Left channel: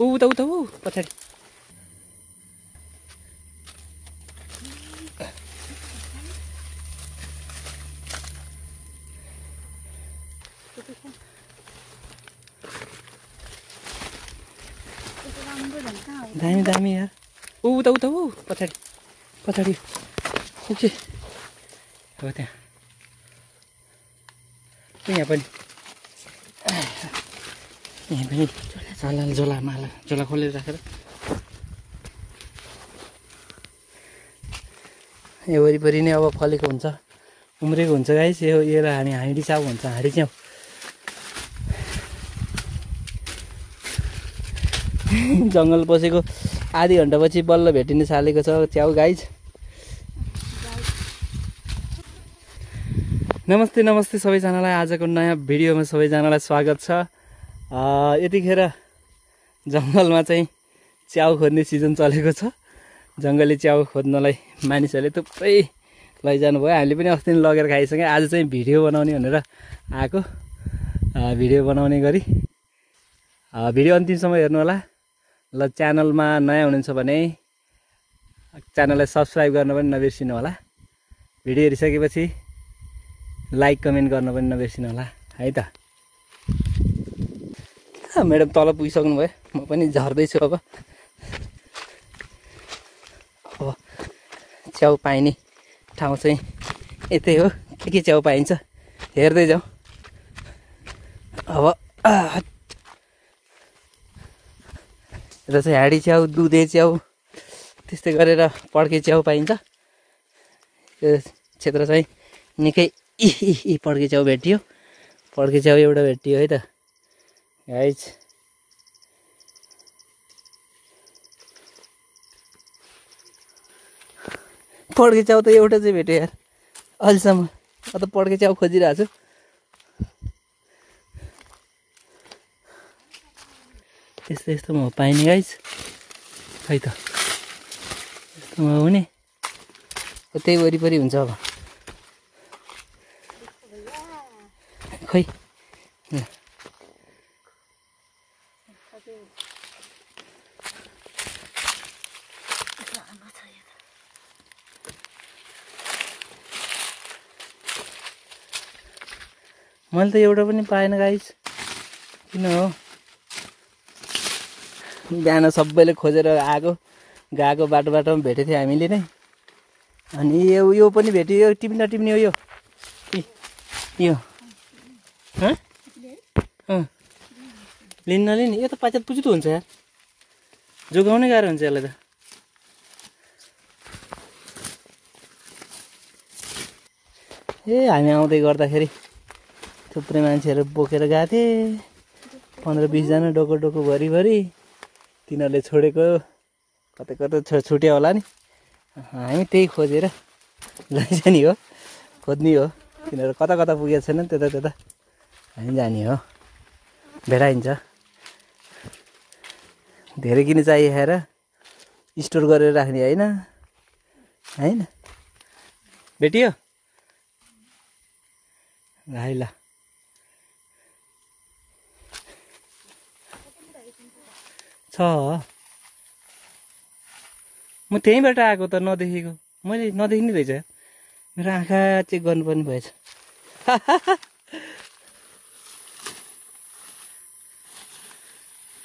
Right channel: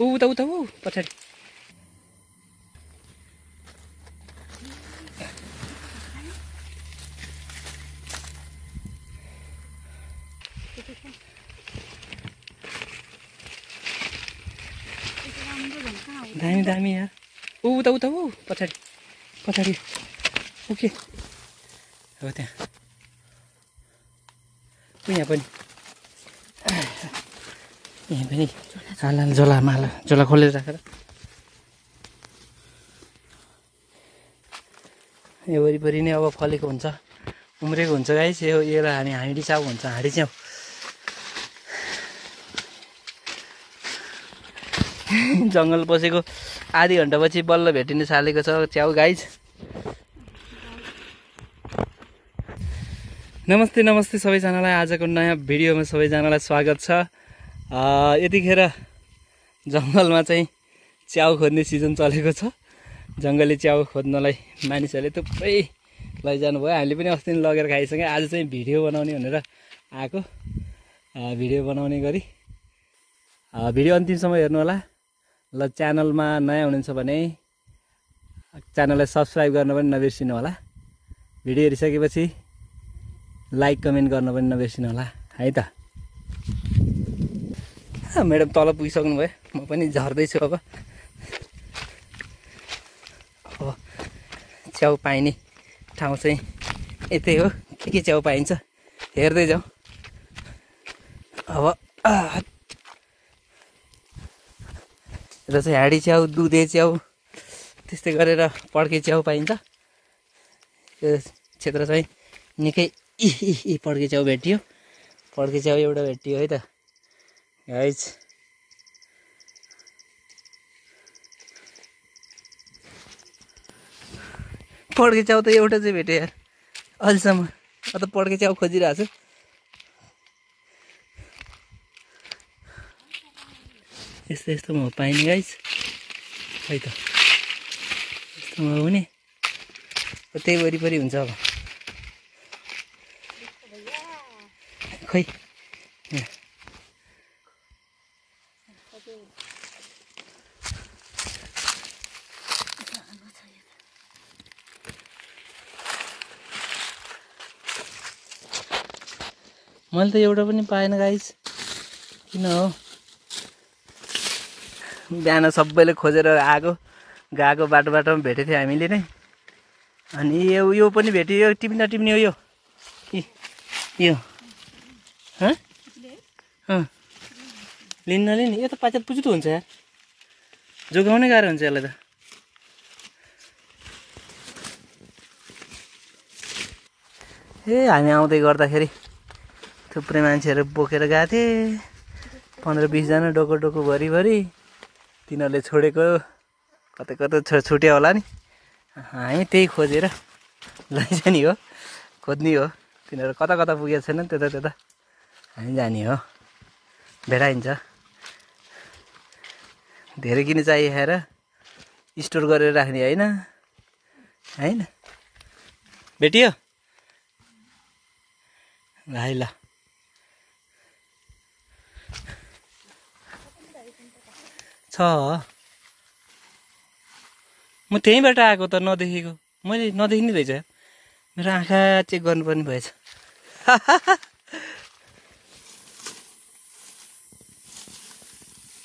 उता उता ऊ पछाडि दामी दामी यार उता उता ऊ पछाडि पछाडि ओके हो त्यहाँ यहाँ पनि झोला माला झोला खोलेर राखेर यो वरिपरि नै अब फलेको हुन्छ उम्रेको हुन्छ गाइस यसलाई हामी हाँडी च्याउ भन्छ हाँडी च्याउ जङ्गल पसेको आधी घन्टापछि बल्ल भेटिन थालेको छ च्याउ गाइस नमस्ते नमस्ते सबैजनालाई आजको नयाँ भिडियोमा सबैजनालाई स्वागत छ यतिखेर जङ्गलमा चाहिँ च्याउ खोज्ने सिजन चलेको छ जङ्गली च्याउ खोज्नलाई मानिसहरूले थुप्रै लैजानु भयो हामीले पनि अस्ति लगेर खाइसक्यौँ आज चाहिँ भिडियो बनाउने भनेर आएको भिडियो बनाउने गरी भिडियो अन्तिमसम्म हेर्नु होला ल च्यानलमा नयाँ हुनुहुन्छ भने च्यानललाई सब्स्क्राइब गर्न पनि नबिर्सिनु होला भिडियो हेरिसकेपछि लाइक कमेन्ट गर्न पनि नबिर्सिनु होला है त म्याडम तल पुगिसक्नु भयो म पनि झर्दैछु अब च्याउ पाइने ठाउँ चाहिँ यतै हो के च्याउ पाइन्छ हेर्दै जाउँ अब यता चाहिँ हाँडी च्याउ दुधे च्याउ त्यस्तै गरेर पड्के च्याउ पाइन्छ यो क्षेत्र चाहिँ निकै पड्के च्याउ भेटियो पड्के च्याउ एउटा भेटियो है त गाइस पड्के च्याउ त एउटा चाहिँ भेट्यो यार अहिलेसम्म म त पड्के च्याउ खोजिरहेको छु यस्तो यस्तोमा हो पाइने गाइस है त यस्तोमा हुने त्यही वरिपरि हुन्छ अब खै मैले त एउटा पनि पाएन गाइस किन हो बिहान सबैले खोजेर आएको गएको बाटो बाटोमा भेटेको थियो हामीले नै अनि यो पनि भेट्यो यो टिप्न टिप्ने हो यो लिन नलिने यो त पाचत पुजुत हुन्छ यार जोगाउनै गाह्रो हुन्छ यसलाई त हामी आउँदै गर्दाखेरि थुप्रै मान्छेहरू बोकेर गएको थिए 15-20 जना डोको डोको भरिभरि तिनीहरूले छोडेको कतै कतै छुट्यो होला नि हामी त्यही खोजेर लैजाने हो खोज्ने हो तिनीहरू कता कता पुगेको छैन त्यता त्यता हामी जाने हो भेटाइन्छ धेरै किन चाहियो खाएर स्टोर गरेर राख्ने होइन होइन भेटियो भाइ ल छ म त्यहीँबाट आएको त नदेखेको मैले नदेखिने रहेछ मेरो आँखा चेक गर्नुपर्ने भएछ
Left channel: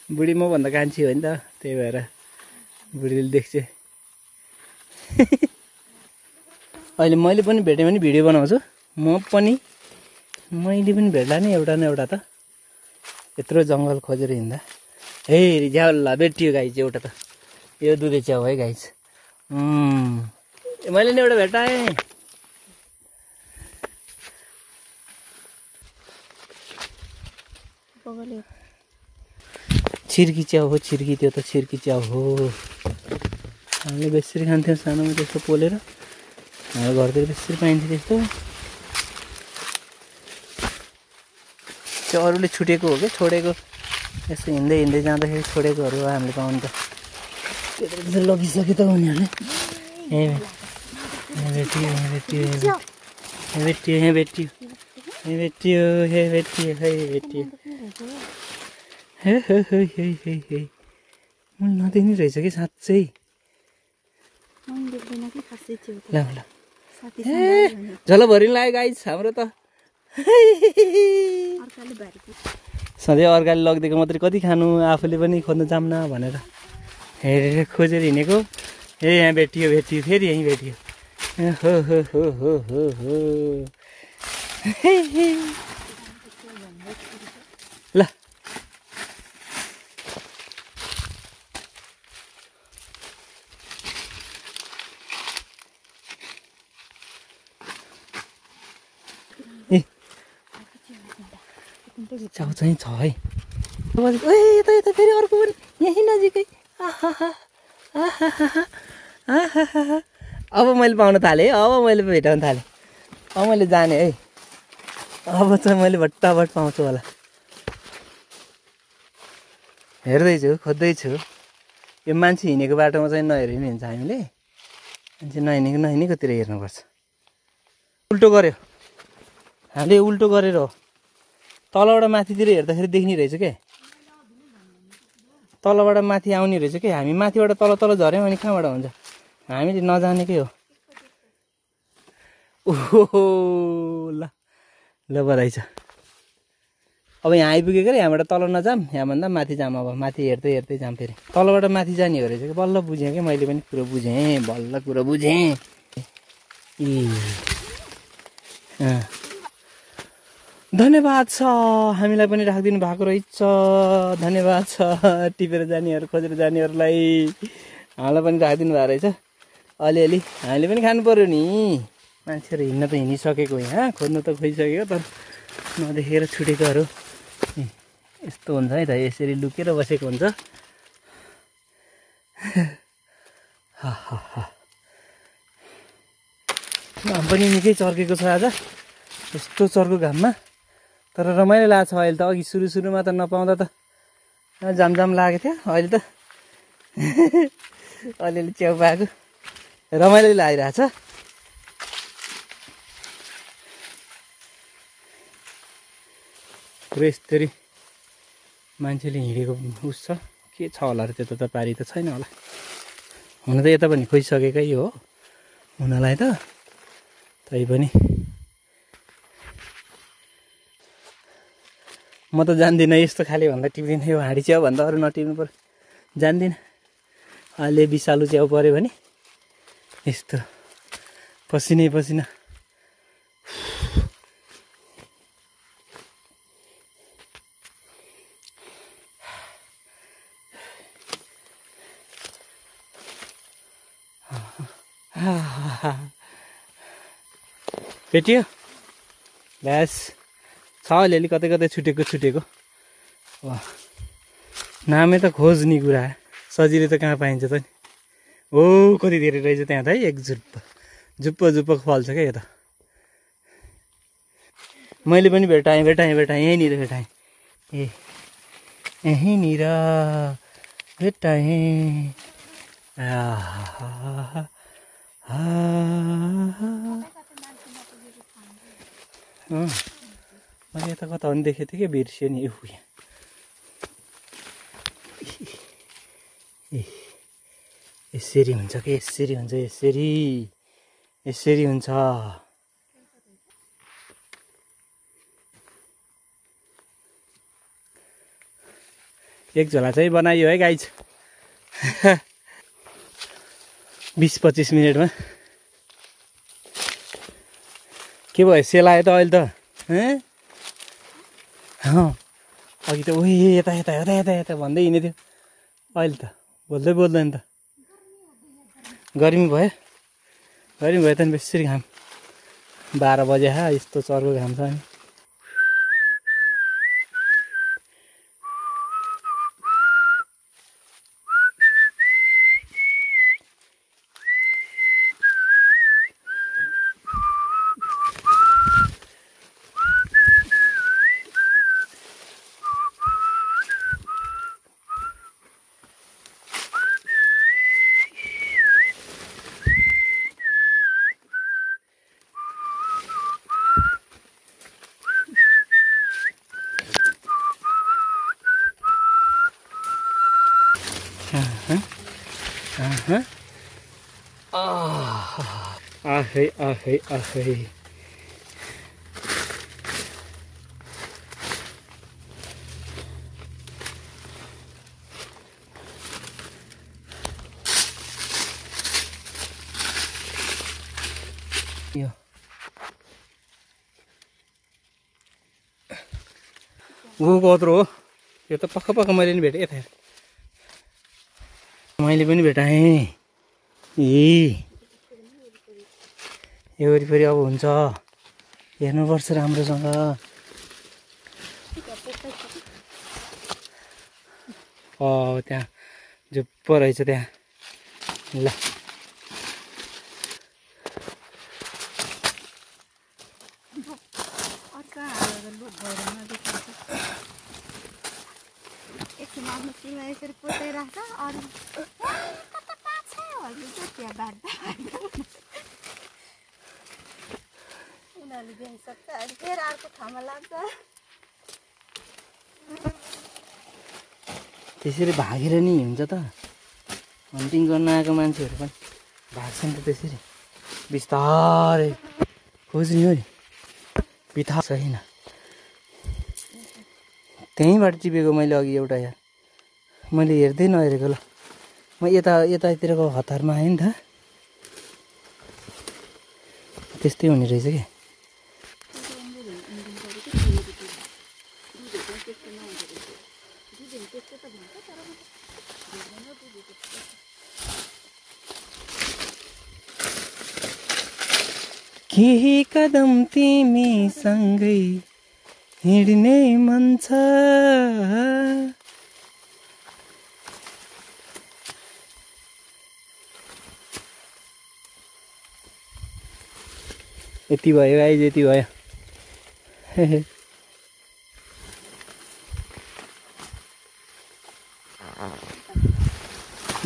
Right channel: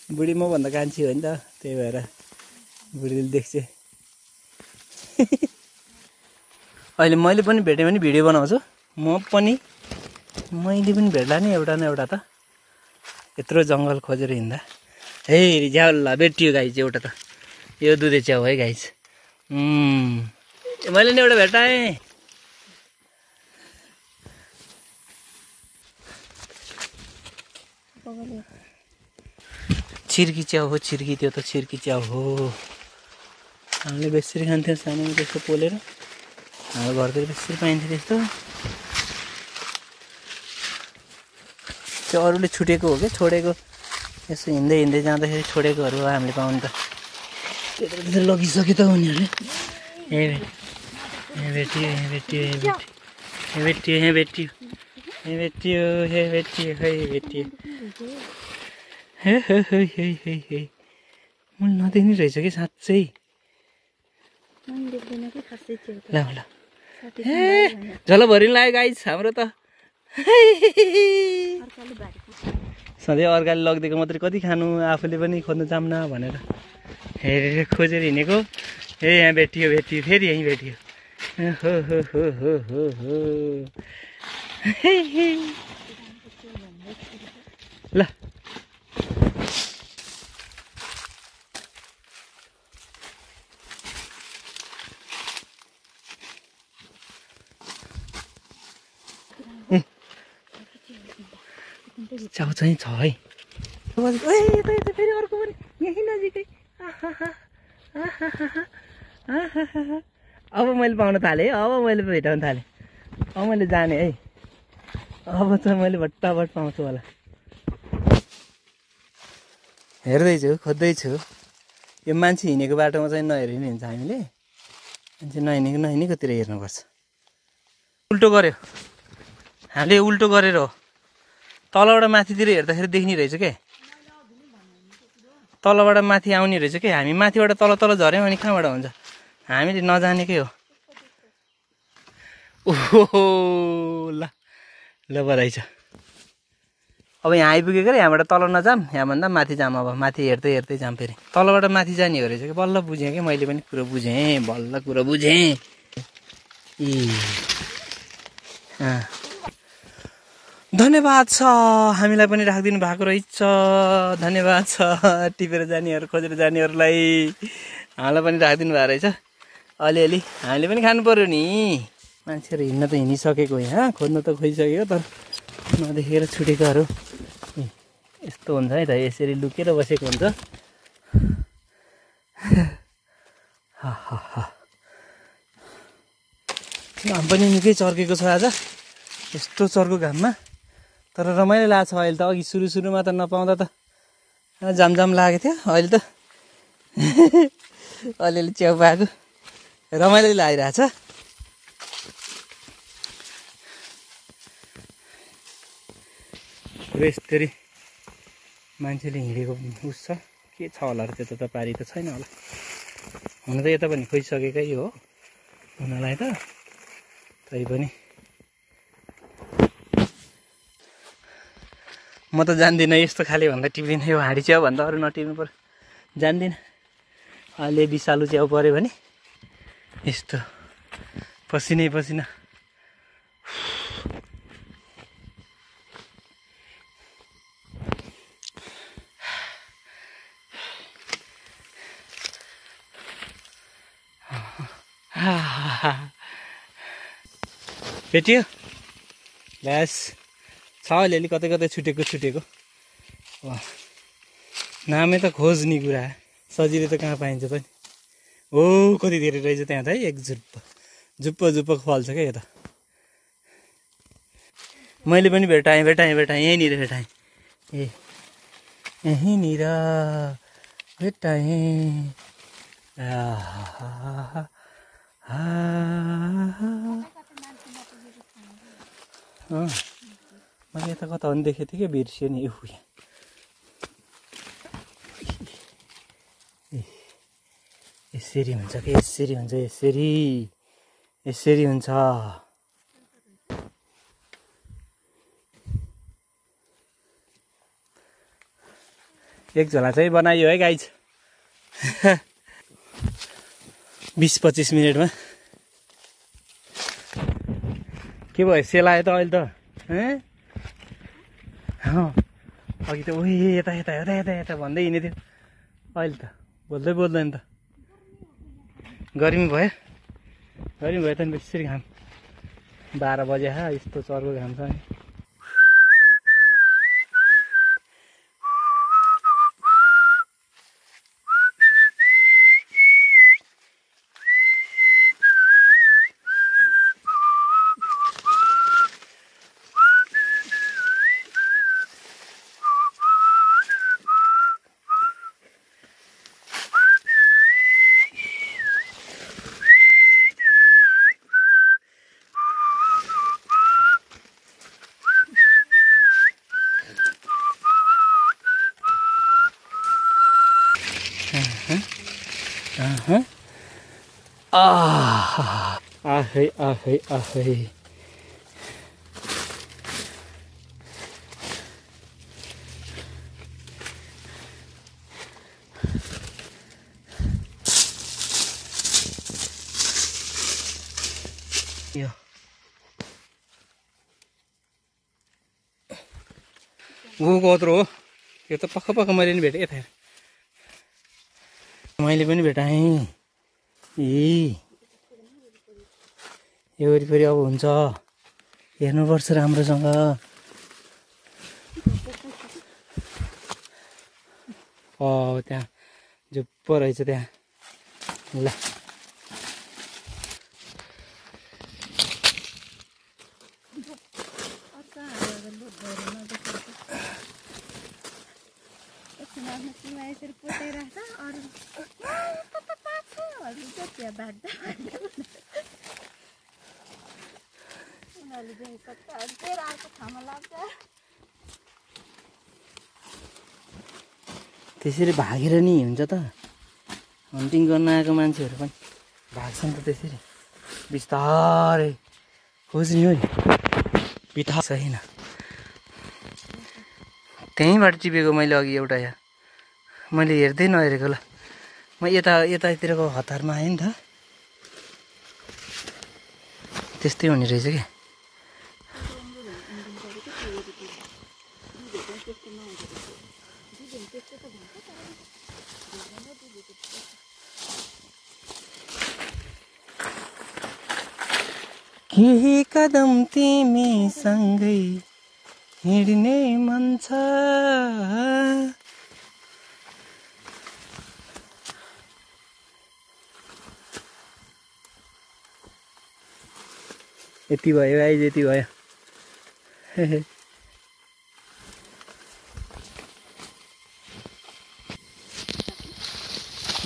बुढी मभन्दा कान्छी हो नि त त्यही भएर बुढीले देख्छ अहिले मैले पनि भेटेँ भने भिडियो बनाउँछु मैले पनि भेट्ला नि एउटा न एउटा त यत्रो जङ्गल खोजेर हिँड्दा हे झ्याउला भेटियो गाइस एउटा त यो दुधे च्याउ है गाइस मैले नि एउटा भेटाएँ छिर्की च्याउ हो छिर्की त्यो त छिर्की च्याउ हो हामीले बेसरी खान्थ्यौँ सानोमा त्यस्तो पोलेर हाम्रो घरतिर बेसरी पाइन्थ्यो त्यस्तो त्यो अरूले छुटेको हो क्या छोडेको यसो हिँड्दै हिँड्दै जाँदाखेरि छोडेकोहरू हामीले पाउनु त त्यत्रो लगिसक्यो त उनीहरूले भेटियो मैले नदेख्ने रहेछ कि साँच्चै। ल ल ए झल भरि लाग्यो गाइस हाम्रो त। सधैँ अर्काले लगिदिएको मात्रै कति खानु, आफूले पनि खोज्नु जाम्न भनेर हेरेर खोजेर हिँडेको। ए यहाँ भेटियो भेटियो फेरि यहीँ भेटियो। हो हो हो हो हो हो ल च्याउ चाहिँ छ है। यता फेरि अर्को पनि यहीँ नजिकै। अब मैले पाउन थालेँ है, अब मैले भेटाउन थालेँ, अब मैले जाने है। अब चाहिँ मैले भट्टाभट पाउँछु होला। हेर्दैछु, खोज्दैछु। यो मान्छे हिँडेको बाटोमा चाहिँ नहेरि नि हुन्छ, हामीले मान्छे नहिँडेकोतिर हेर्नुपर्छ। उल्टो गऱ्यो हामीले, उल्टो गरेर हो। तलबाट माथितिर हेर्दाखेरि देख्ने रहेछ क्या, तलबाट माथि आउने रहेछ क्या। हामी माथिबाट तल तल झऱ्यौँ अनि कहाँबाट हुन्छ, हामीले नजानेकै हो। ओहो ल ल बधाई छ। अब यहाँ आइपुगेको रे, यहाँबाट तल नजाम, यहाँभन्दा माथि जाम। अब माथि हेर्दै हेर्दै जाम। फेरि तलबाट माथि जाने हो रहेछ कि। बल्ल बुझेँ कि मैले पनि कुरो बुझेँ, बल्ल कुरो बुझेँ। धन्यवाद छ, हामीलाई पनि राखिदिनु भएको रहेछ। धन्यवाद छ टिपेर जानेहरू, खोजेर जानेहरूलाई। हामीलाई पनि राखिदिनु भएको रहेछ। अलिअलि हामीले पनि खानु पर्यो नि। मान्छेहरू हिँड्न त हिँडिसकेको यहाँ, खोज्न त खोजिसकेको, तर नदेखेर छुटेकोहरू यस्तो हुन्छ है त। यसरी लुकेर बसेको हुन्छ। घाम पनि निकै चर्केको छ आज, यस्तो चर्को घाममा। तर रमाइलो लाग्छ अहिले त। अघि सुरुमा त नपाउँदा त जाम लागेको थियो। अहिले त अलिअलि च्याउ पाएको रमाइलो लागिरहेछ। यस्तरी मान्छेले हिँडेको उस छ के छ होला र, त्यता त पारी त छैन होला। हुन त यता पनि खोजिसकेकै हो हुनलाई त, तैपनि म त जान्दिनँ यस्तो खाले भन्दा टिप्दिनँ। यो हाँडी च्याउ भन्दा अरू नटिप्नु पर्यो, जान्दिनँ। अहिले विषालु च्याउ पऱ्यो भने यस्तो पसिनै पसिना। भेटियो ब्यास छ अलिअलि, कतै कतै छुटेको। नामै त खोज्ने कुरा, सजिलै त कहाँ पाइन्छ त नि। हो कति धेरै रहेछ त्यहाँ त है। एक जुप्प फल्छ क्या यो त। मैले पनि भेटाएँ यहीँनिर भेटाएँ। ए यहीँनिर भेटाएँ। मैले यता कता पनि देखेको थिएँ कि, बिर्सियो नि। यसरी हुन्छ कि, यसरी हुन्छ, यसरी हुन्छ। एक झोला चाहिँ बनाइयो है गाइज। 20-25 मिनटमा के भयो, सेलायो त अहिले त। अघि त उही यता भन्दै हिँडेको थियो, अहिले त बोल्दैन त। गर्मी भयो त नि बेसरी घाम। 12 बजे यस्तो चर्को घाम छ नि। आहै आहै आहै यो ऊ कत्रो हो यो त पक्का पक्का मैले नि भेटेँ यता मैले पनि भेटाएँ यो वरिपरि अब हुन्छ हेर्नुपर्छ राम्रोसँग त्यहाँ जुप्प रहेछ त्यहाँ ल त्यसरी भागेर नि हुन्छ त हन्टिङ गर्न आएको मान्छेहरू पनि भाग्छन् त त्यसरी बिस्तारै खोज्ने हो नि बिथा छैन त्यहीँबाट टिपेको मैले अघि एउटा यहाँ मैले हेर्दै नहेरेको ल म यतातिरको हतारमा आएँ नि त त्यस्तै हुने रहेछ क्या केही कदम तिमीसँगै हिँड्ने मन छ यति भयो गाइज यति भयो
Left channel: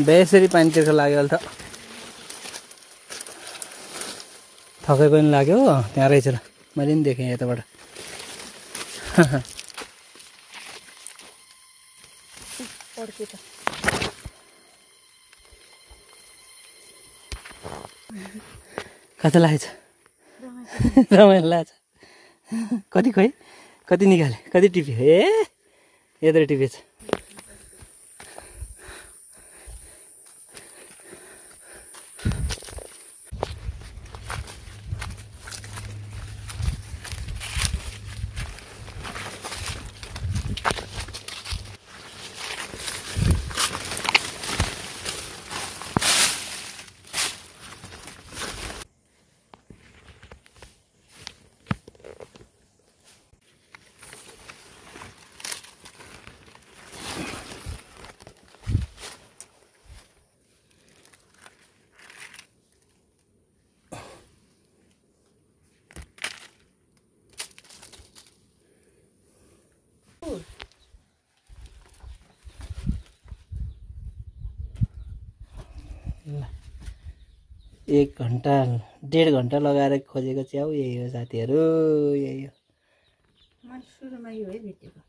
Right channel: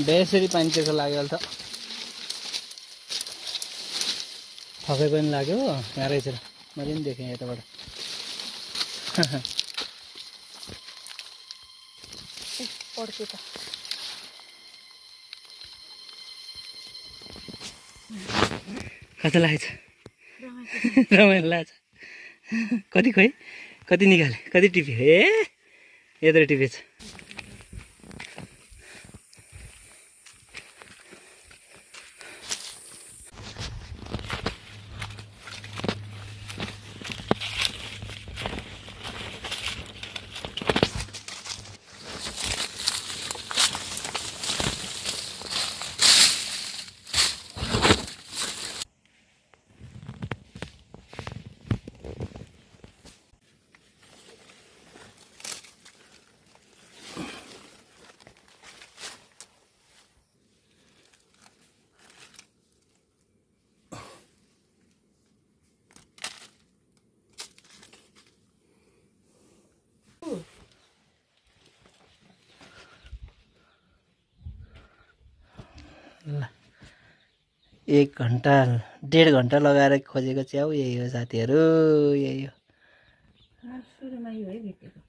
बेसरी पानी तिर्खा लाग्यो अहिले त थकै पनि लाग्यो त्यहाँ रहेछ र मैले पनि देखेँ यताबाट कता लागेछ रमाइलो लाग्छ कति खोइ कति निकाले कति टिप्यो यत्रो टिपेछ ल 1 घन्टा 1.5 घन्टा लगाएर खोजेको च्याउ यही हो साथीहरू यही हो सुरुमा यो है भेटेको